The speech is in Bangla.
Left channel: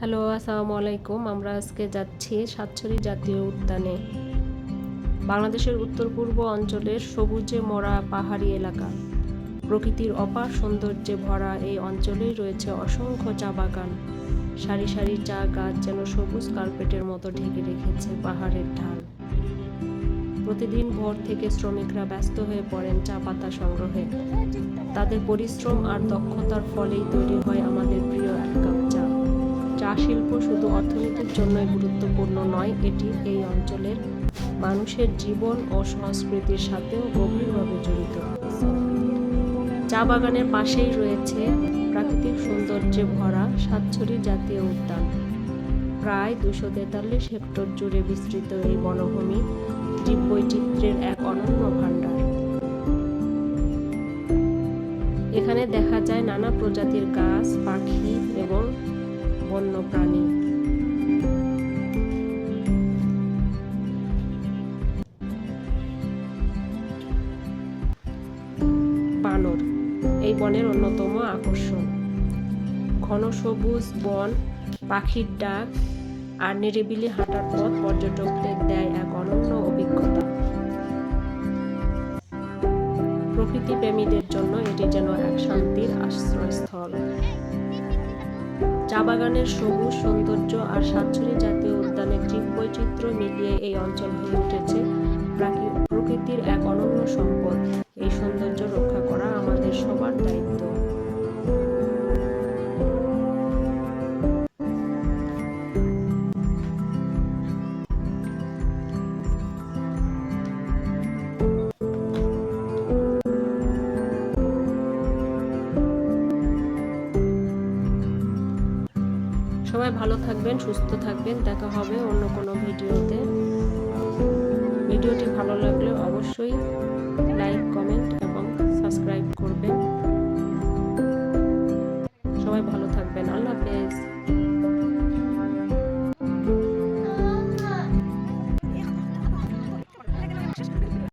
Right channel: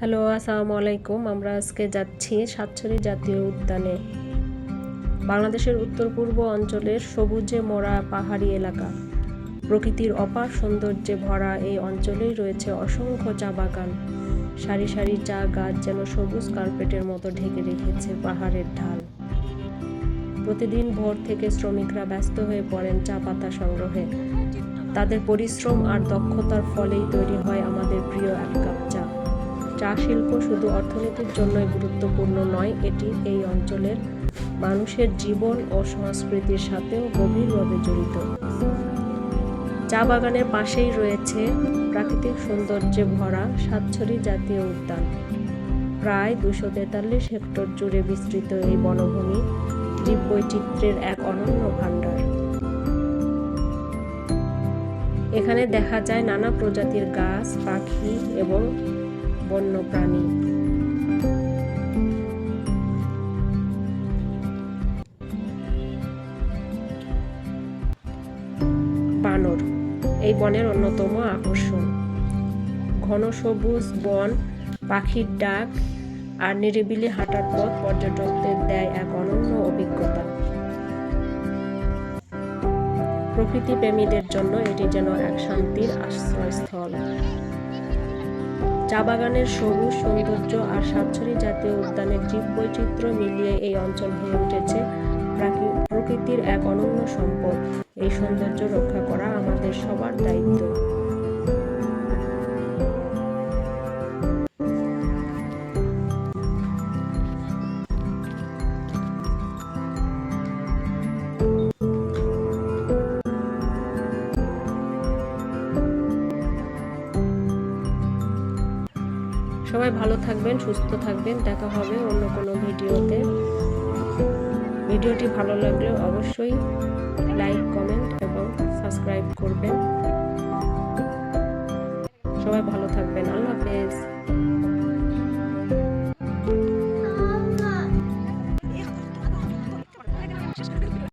হ্যালো, আসসালামু আলাইকুম। আমরা আজকে যাচ্ছি সাতছড়ি জাতীয় উদ্যানে। বাংলাদেশের উত্তর-পূর্ব অঞ্চলের সবুজে মোড়া পাহাড়ি এলাকা। প্রকৃতির অপার সৌন্দর্যে ভরা এই অঞ্চলেই রয়েছে অসংখ্য চা বাগান। সারি সারি চা গাছ যেন সবুজ কার্পেটের মতো ঢেকে রেখেছে পাহাড়ের ঢাল। প্রতিদিন ভোর থেকে শ্রমিকরা ব্যস্ত হয়ে পড়েন চা পাতা সংগ্রহে। তাদের পরিশ্রম আর দক্ষতার ফলেই তৈরি হয় আমাদের প্রিয় এক কাপ চা। চা শিল্প শুধু অর্থনীতির জন্যই গুরুত্বপূর্ণ নয়, এটি এই অঞ্চলের মানুষের জীবন ও সংস্কৃতির সাথেও গভীরভাবে জড়িত। চা বাগানের পাশেই রয়েছে প্রাকৃতিক সৌন্দর্যে ভরা সাতছড়ি জাতীয় উদ্যান। প্রায় 243 হেক্টর জুড়ে বিস্তৃত এই বনভূমি জীববৈচিত্র্যের এক অনন্য ভাণ্ডার। এখানে দেখা যায় নানা প্রজাতির গাছ, পাখি এবং বন্যপ্রাণী। বানর এই বনের অন্যতম আকর্ষণ। ঘন সবুজ বন, পাখির ডাক আর নিরিবিলি হাঁটার পথ পর্যটকদের দেয় এক অনন্য অভিজ্ঞতা। প্রকৃতি প্রেমীদের জন্য এটি যেন এক শান্তির আশ্রয়স্থল। চা বাগানের সবুজ সৌন্দর্য আর সাতছড়ি জাতীয় উদ্যানের জীববৈচিত্র্য মিলিয়ে এই অঞ্চল হয়ে উঠেছে প্রকৃতির এক অনন্য সম্পদ। এই সৌন্দর্য রক্ষা করা আমাদের সবার দায়িত্ব। সবাই ভালো থাকবেন, সুস্থ থাকবেন। দেখা হবে অন্য কোনো ভিডিওতে। ভিডিওটি ভালো লাগলে অবশ্যই লাইক, কমেন্ট এবং সাবস্ক্রাইব করবেন। সবাই ভালো থাকবেন। আল্লাহ হাফেজ।